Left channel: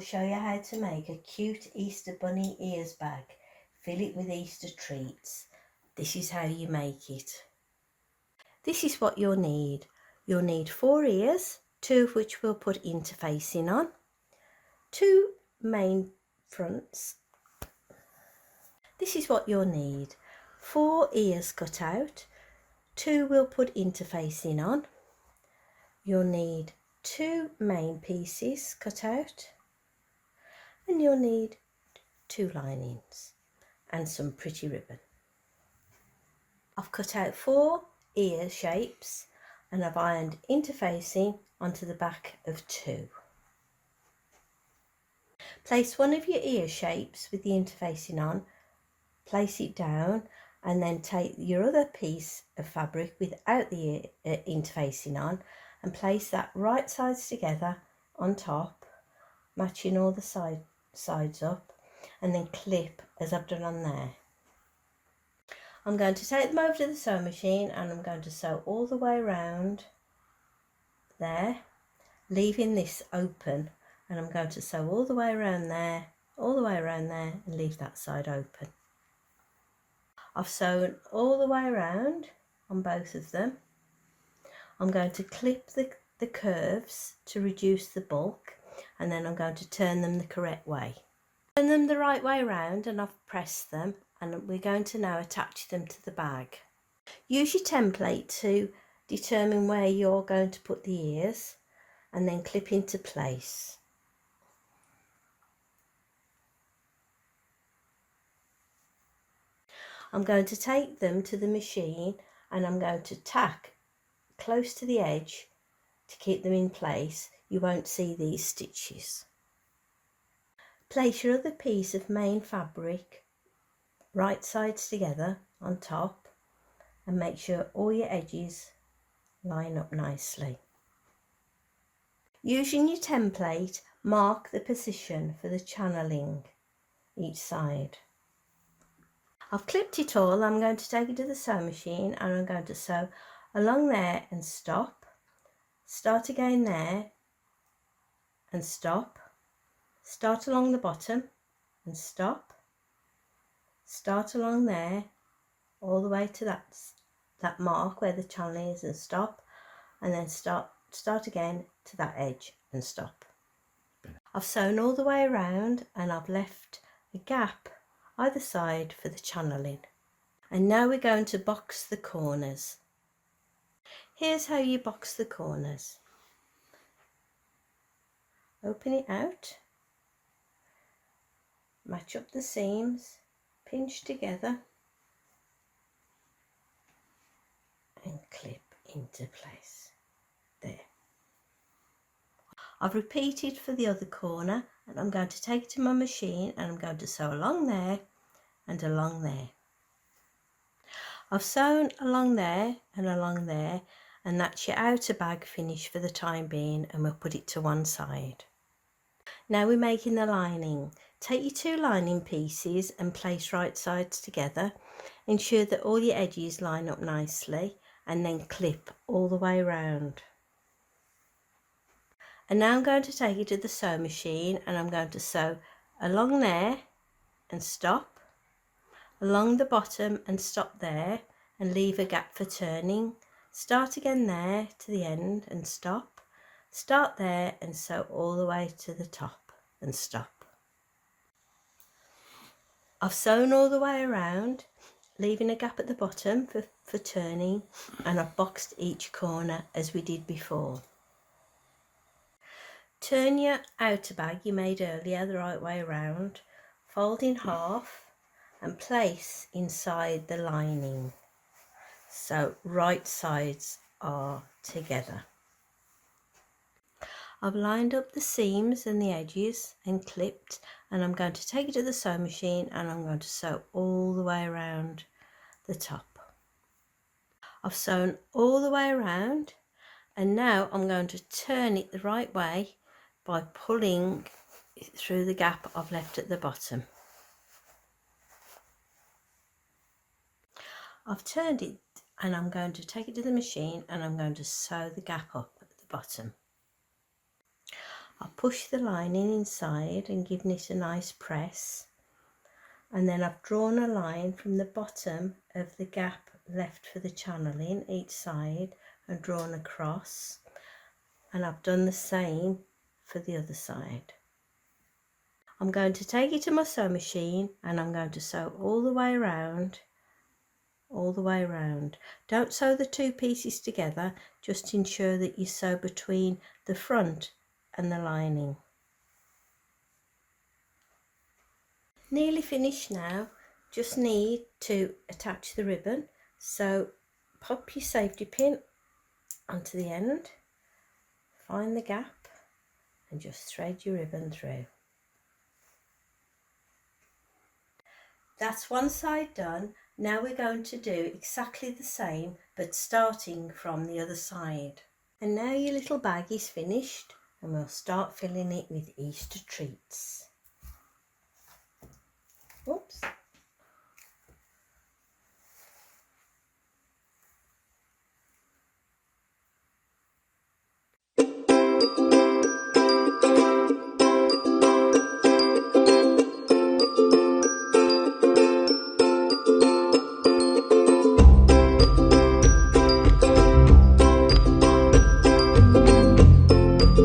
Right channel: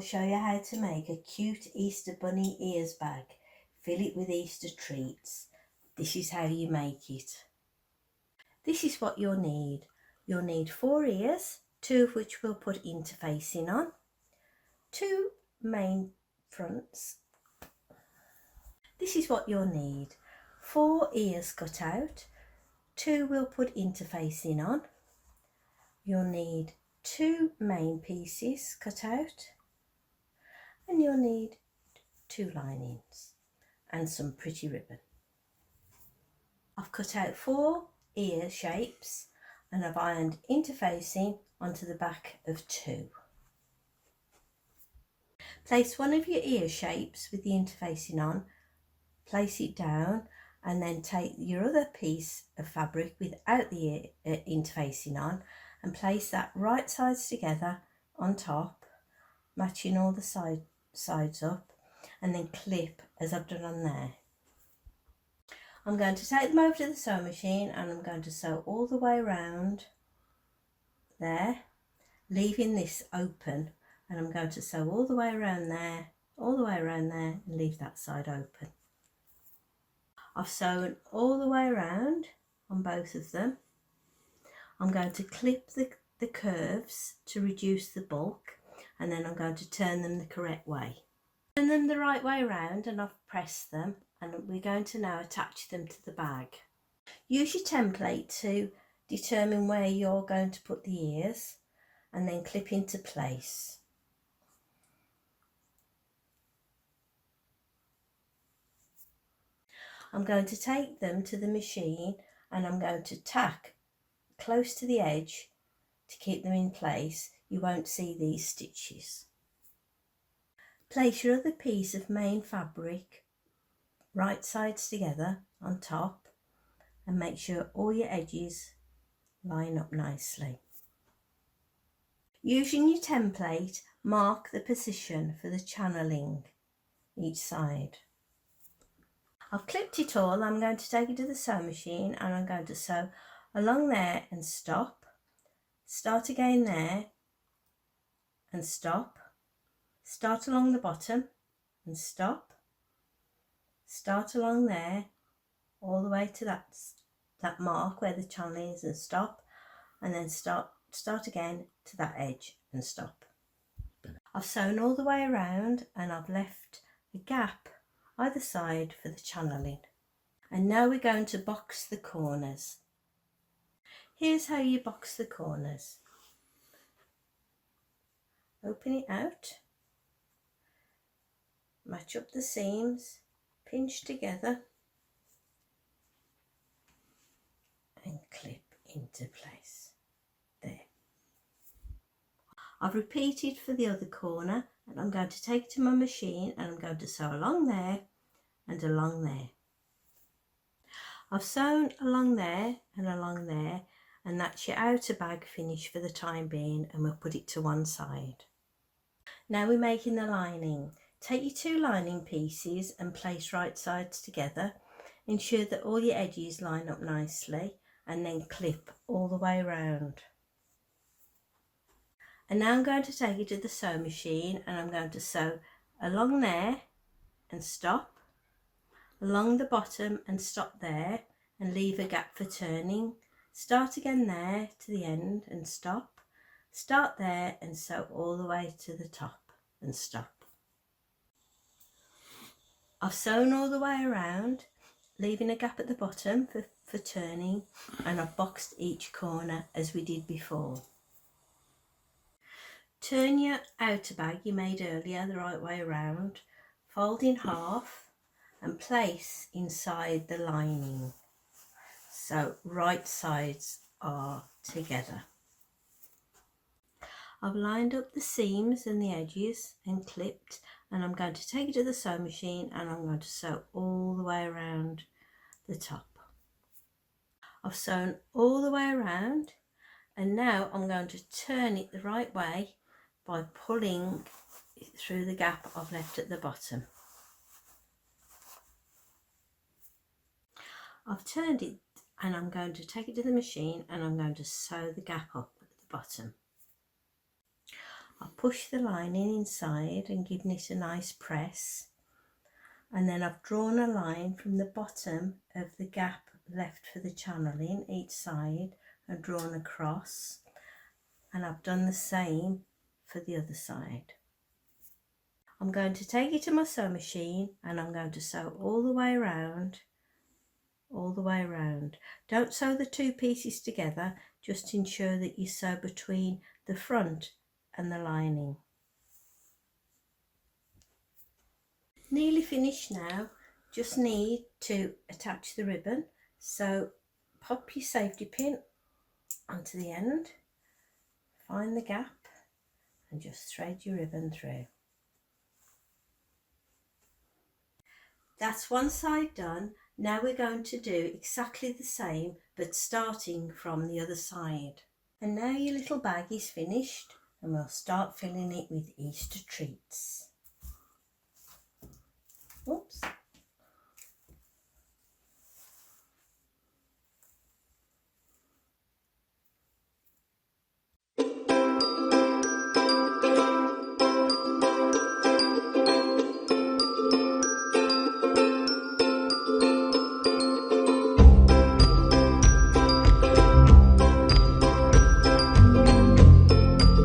will show you how to make a cute Easter bunny ears bag. Fill it with Easter treats. This is how you make it. This is what you'll need. You'll need 4 ears, 2 of which we'll put interfacing on, 2 main fronts. This is what you'll need. 4 ears cut out, 2 we'll put interfacing on. You'll need 2 main pieces cut out, and you'll need 2 linings and some pretty ribbon. I've cut out 4 ear shapes and I've ironed interfacing onto the back of 2. Place one of your ear shapes with the interfacing on, place it down, and then take your other piece of fabric without the interfacing on and place that right sides together on top, matching all the sides up, and then clip as I've done on there. I'm going to take them over to the sewing machine and I'm going to sew all the way around there, leaving this open, and I'm going to sew all the way around there, all the way around there, and leave that side open. I've sewn all the way around on both of them. I'm going to clip the curves to reduce the bulk, and then I'm going to turn them the correct way. Turn them the right way around and I've pressed them, and we're going to now attach them to the bag. Use your template to determine where you're going to put the ears and then clip into place. I'm going to take them to the machine and I'm going to tack close to the edge to keep them in place. You won't see these stitches. Place your other piece of main fabric right sides together on top and make sure all your edges line up nicely. Using your template, mark the position for the channeling each side. I've clipped it all. I'm going to take it to the sewing machine and I'm going to sew along there and stop, start again there and stop, start along the bottom and stop, start along there all the way to that mark where the channel is and stop, and then start again to that edge and stop. I've sewn all the way around and I've left a gap either side for the channeling. And now we're going to box the corners. Here's how you box the corners. Open it out, match up the seams, pinch together and clip into place. There. I've repeated for the other corner, and I'm going to take it to my machine and I'm going to sew along there and along there. I've sewn along there and along there, and that's your outer bag finish for the time being, and we'll put it to one side. Now we're making the lining. Take your 2 lining pieces and place right sides together. Ensure that all your edges line up nicely and then clip all the way around. And now I'm going to take it to the sewing machine and I'm going to sew along there and stop, along the bottom and stop there and leave a gap for turning. Start again there to the end and stop, start there and sew all the way to the top and stop. I've sewn all the way around, leaving a gap at the bottom for turning, and I've boxed each corner as we did before. Turn your outer bag you made earlier the right way around, fold in half and place inside the lining so right sides are together. I've lined up the seams and the edges and clipped, and I'm going to take it to the sewing machine and I'm going to sew all the way around the top. I've sewn all the way around, and now I'm going to turn it the right way by pulling it through the gap I've left at the bottom. I've turned it and I'm going to take it to the machine and I'm going to sew the gap up at the bottom. I'll push the lining inside and giving it a nice press, and then I've drawn a line from the bottom of the gap left for the channeling each side and drawn across, and I've done the same for the other side. I'm going to take it to my sewing machine and I'm going to sew all the way around, Don't sew the two pieces together, just ensure that you sew between the front and the lining. Nearly finished now, just need to attach the ribbon, so pop your safety pin onto the end, find the gap and just thread your ribbon through. That's one side done. Now we're going to do exactly the same but starting from the other side. And now your little bag is finished and we'll start filling it with Easter treats. Oops.